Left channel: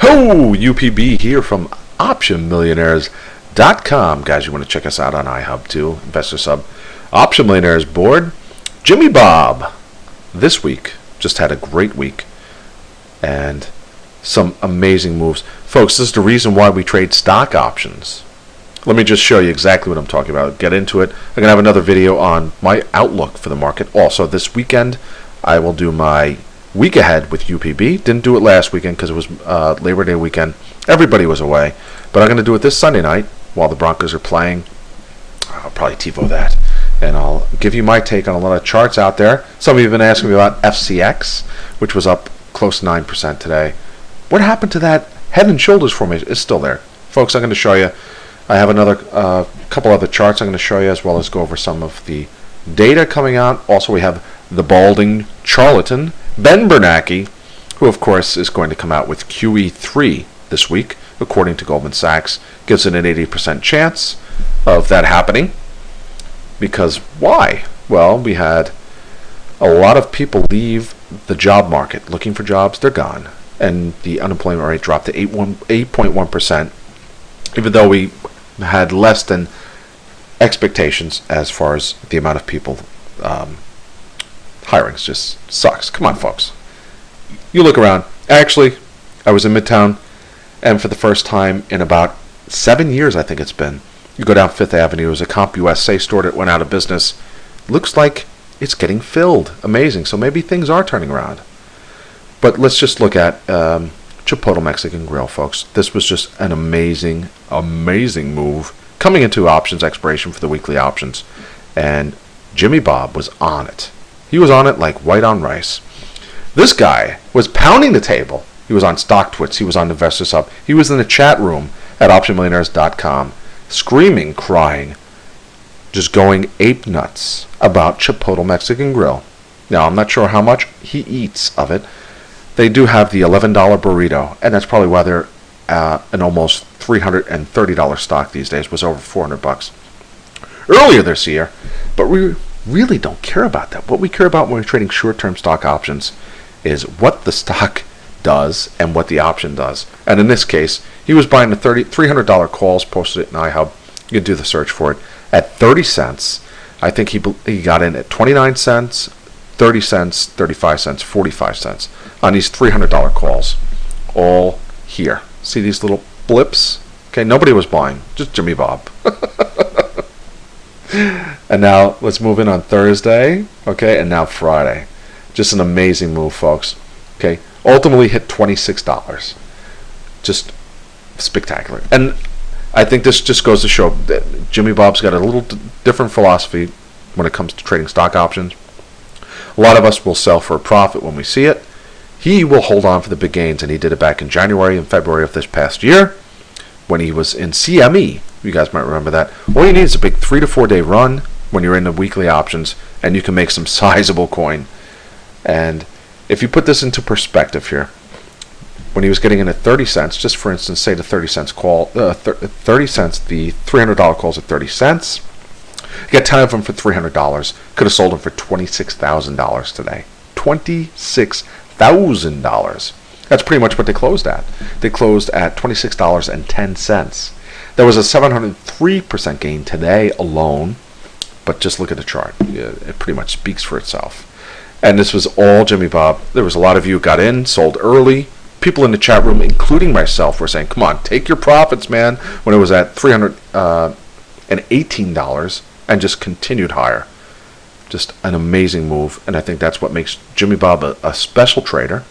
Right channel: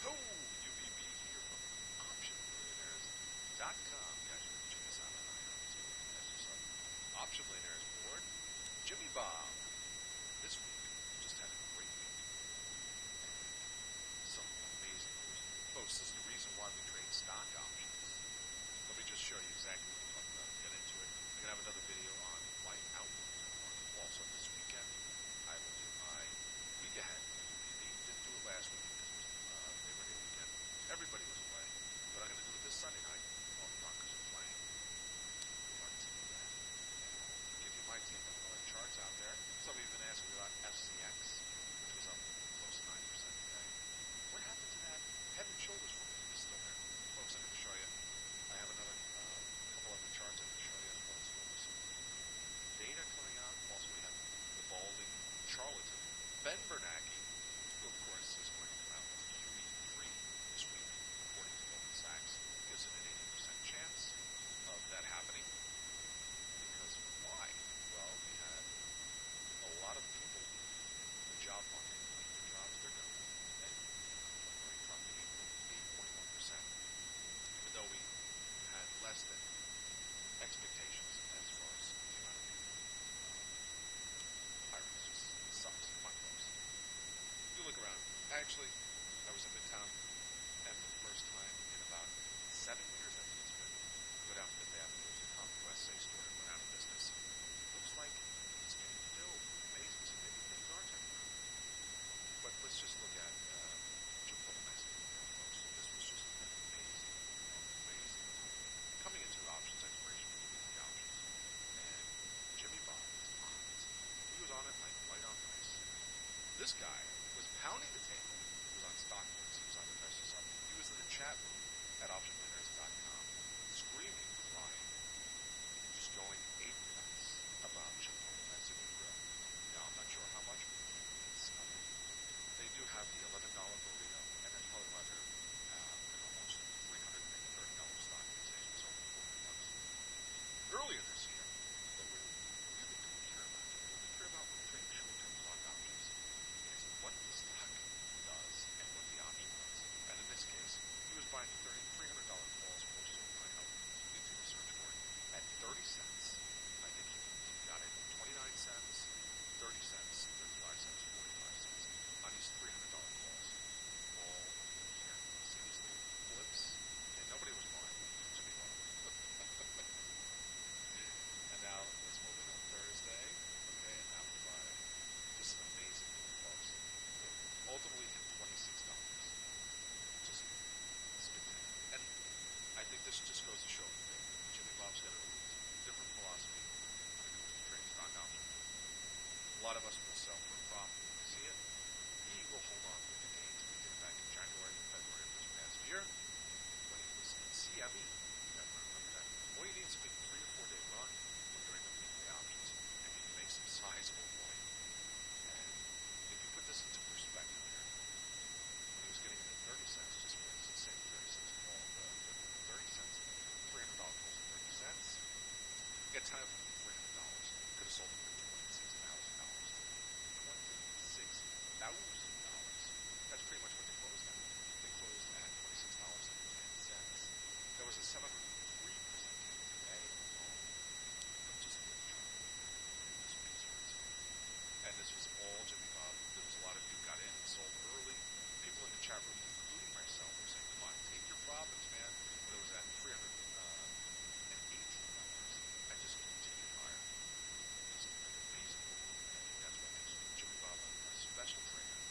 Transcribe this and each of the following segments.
Ho! UPB here from OptionMillionaires.com. Guys, you want to check us out on iHub too. Investor Sub. Option Millionaires board. Jimmybob this week just had a great week and some amazing moves. Folks, this is the reason why we trade stock options. Let me just show you exactly what I'm talking about. Get into it. I'm going to have another video on my outlook for the market. Also, this weekend, I will do my week ahead with UPB. Didn't do it last weekend because it was Labor Day weekend. Everybody was away. But I'm going to do it this Sunday night while the Broncos are playing. I'll probably TiVo that. And I'll give you my take on a lot of charts out there. Some of you have been asking me about FCX, which was up close to 9% today. What happened to that head and shoulders formation? It's still there. Folks, I'm going to show you. I have another couple other charts I'm going to show you, as well as go over some of the data coming out. Also, we have the balding charlatan, Ben Bernanke, who, of course, is going to come out with QE3 this week, according to Goldman Sachs. Gives it an 80% chance of that happening. Because why? Well, we had a lot of people leave the job market looking for jobs. They're gone. And the unemployment rate dropped to 8.1%, even though we had less than expectations as far as the amount of people hiring. Just sucks. Come on, folks. You look around. Actually, I was in Midtown, and for the first time in about 7 years, I think it's been, you go down Fifth Avenue, there's a CompUSA store that went out of business. Looks like it's getting filled. Amazing. So maybe things are turning around. But let's just look at Chipotle Mexican Grill, folks. This was just an amazing, amazing move coming into options expiration for the weekly options. And Jimmybob was on it. He was on it like white on rice. This guy was pounding the table. He was on StockTwits. He was on Investor Sub. He was in the chat room at OptionMillionaires.com, screaming, crying, just going ape nuts about Chipotle Mexican Grill. Now, I'm not sure how much he eats of it. They do have the $11 burrito, and that's probably why they're an almost $330 stock these days. Was over $400 earlier this year. But we really don't care about that. What we care about when we're trading short-term stock options is what the stock does and what the option does. And in this case, he was buying the $300 calls, posted it in iHub. You can do the search for it at 30 cents. I think he got in at 29 cents, 30 cents, 35 cents, 45 cents on these $300 calls, all here. See these little blips? Okay, nobody was buying, just Jimmybob. And now let's move in on Thursday, okay, and now Friday. Just an amazing move, folks. Okay, ultimately hit $26. Just spectacular. And I think this just goes to show that Jimmybob's got a little different philosophy when it comes to trading stock options. A lot of us will sell for a profit when we see it. He will hold on for the big gains, and he did it back in January and February of this past year when he was in CME. You guys might remember that. All you need is a big 3 to 4 day run when you're in the weekly options, and you can make some sizable coin. And if you put this into perspective here, when he was getting in at 30 cents, just for instance, say the 30 cents call, 30 cents, the $300 calls at 30 cents. Get 10 of them for $300. Could have sold them for $26,000 today. $26,000. That's pretty much what they closed at. They closed at $26.10. There was a 703% gain today alone. But just look at the chart. It pretty much speaks for itself. And this was all Jimmybob. There was a lot of you who got in, sold early. People in the chat room, including myself, were saying, come on, take your profits, man, when it was at $318 and just continued higher. Just an amazing move, and I think that's what makes Jimmybob a special trader.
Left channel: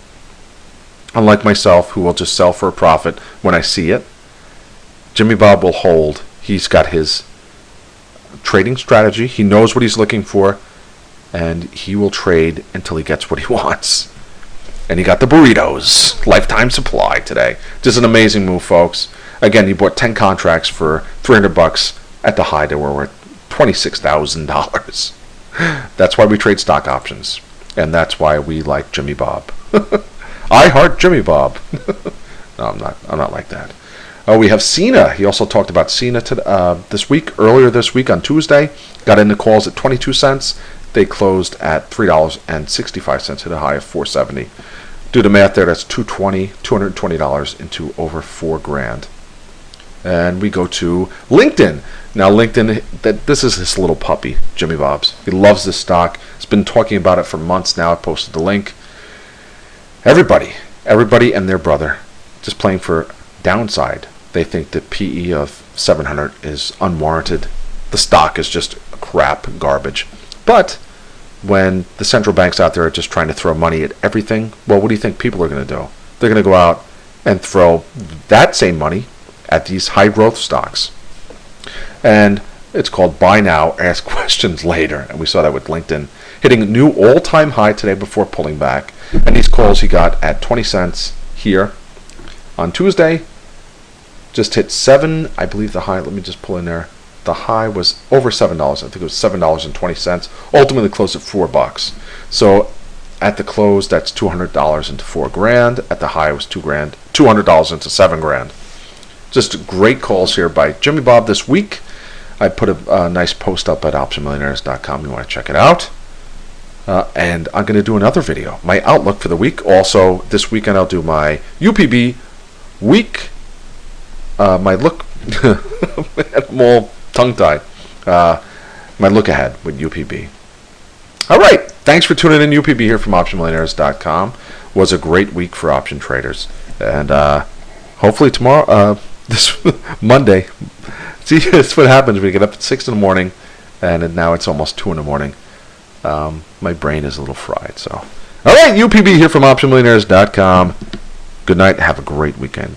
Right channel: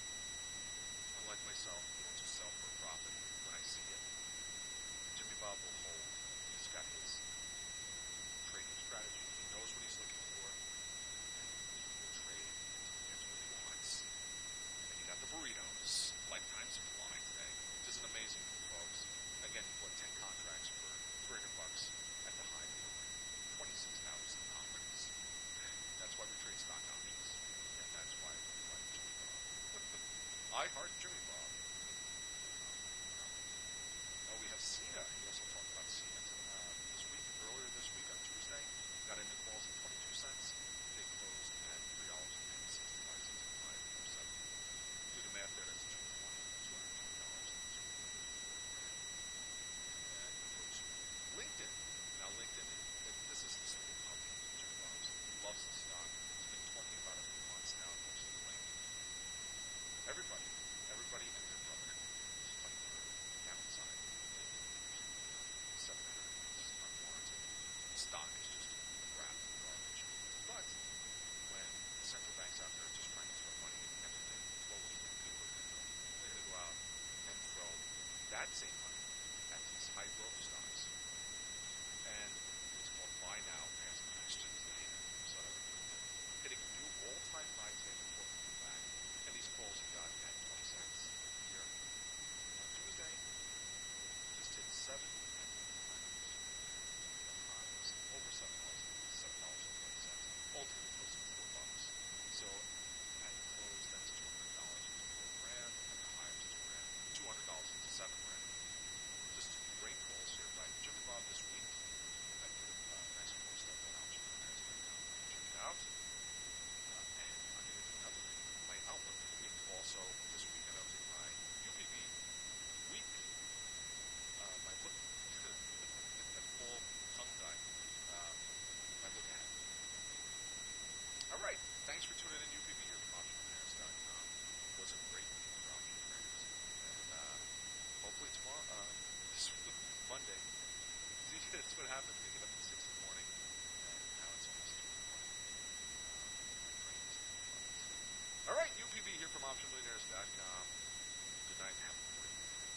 Unlike myself, who will just sell for a profit when I see it, Jimmybob will hold. He's got his trading strategy. He knows what he's looking for, and he will trade until he gets what he wants. And he got the burritos, lifetime supply today. Just an amazing move, folks. Again, he bought 10 contracts for $300 at the high. They were worth $26,000. That's why we trade stock options, and that's why we like Jimmybob. I heart Jimmybob. No, I'm not like that. We have SINA. He also talked about SINA earlier this week on Tuesday. Got in the calls at 22 cents. They closed at $3.65 at a high of 470. Do the math there. That's $220 into over $4 grand. And we go to LinkedIn. Now LinkedIn, this is his little puppy, Jimmybob's. He loves this stock. He's been talking about it for months now. I posted the link. Everybody and their brother just playing for downside. They think the PE of 700 is unwarranted. The stock is just crap garbage. But when the central banks out there are just trying to throw money at everything, well, what do you think people are going to do? They're going to go out and throw that same money at these high growth stocks. And it's called buy now, ask questions later. And we saw that with LinkedIn hitting a new all-time high today before pulling back. And these calls he got at 20 cents here on Tuesday. Just hit 7, I believe the high, let me just pull in there. The high was over $7. I think it was $7.20. Ultimately closed at $4. So at the close, that's $200 into $4 grand. At the high, it was $200 into $7 Just great calls here by Jimmybob this week. I put a nice post up at optionmillionaires.com. You want to check it out. And I'm going to do another video, my outlook for the week. Also, this weekend I'll do my UPB week. My look, I'm all tongue-tied. My look ahead with UPB. All right. Thanks for tuning in. UPB here from optionmillionaires.com. Was a great week for option traders. And hopefully tomorrow, this Monday. See, that's what happens when you get up at 6 in the morning, and now it's almost 2 in the morning. My brain is a little fried. So, all right, UPB here from optionmillionaires.com. Good night. Have a great weekend.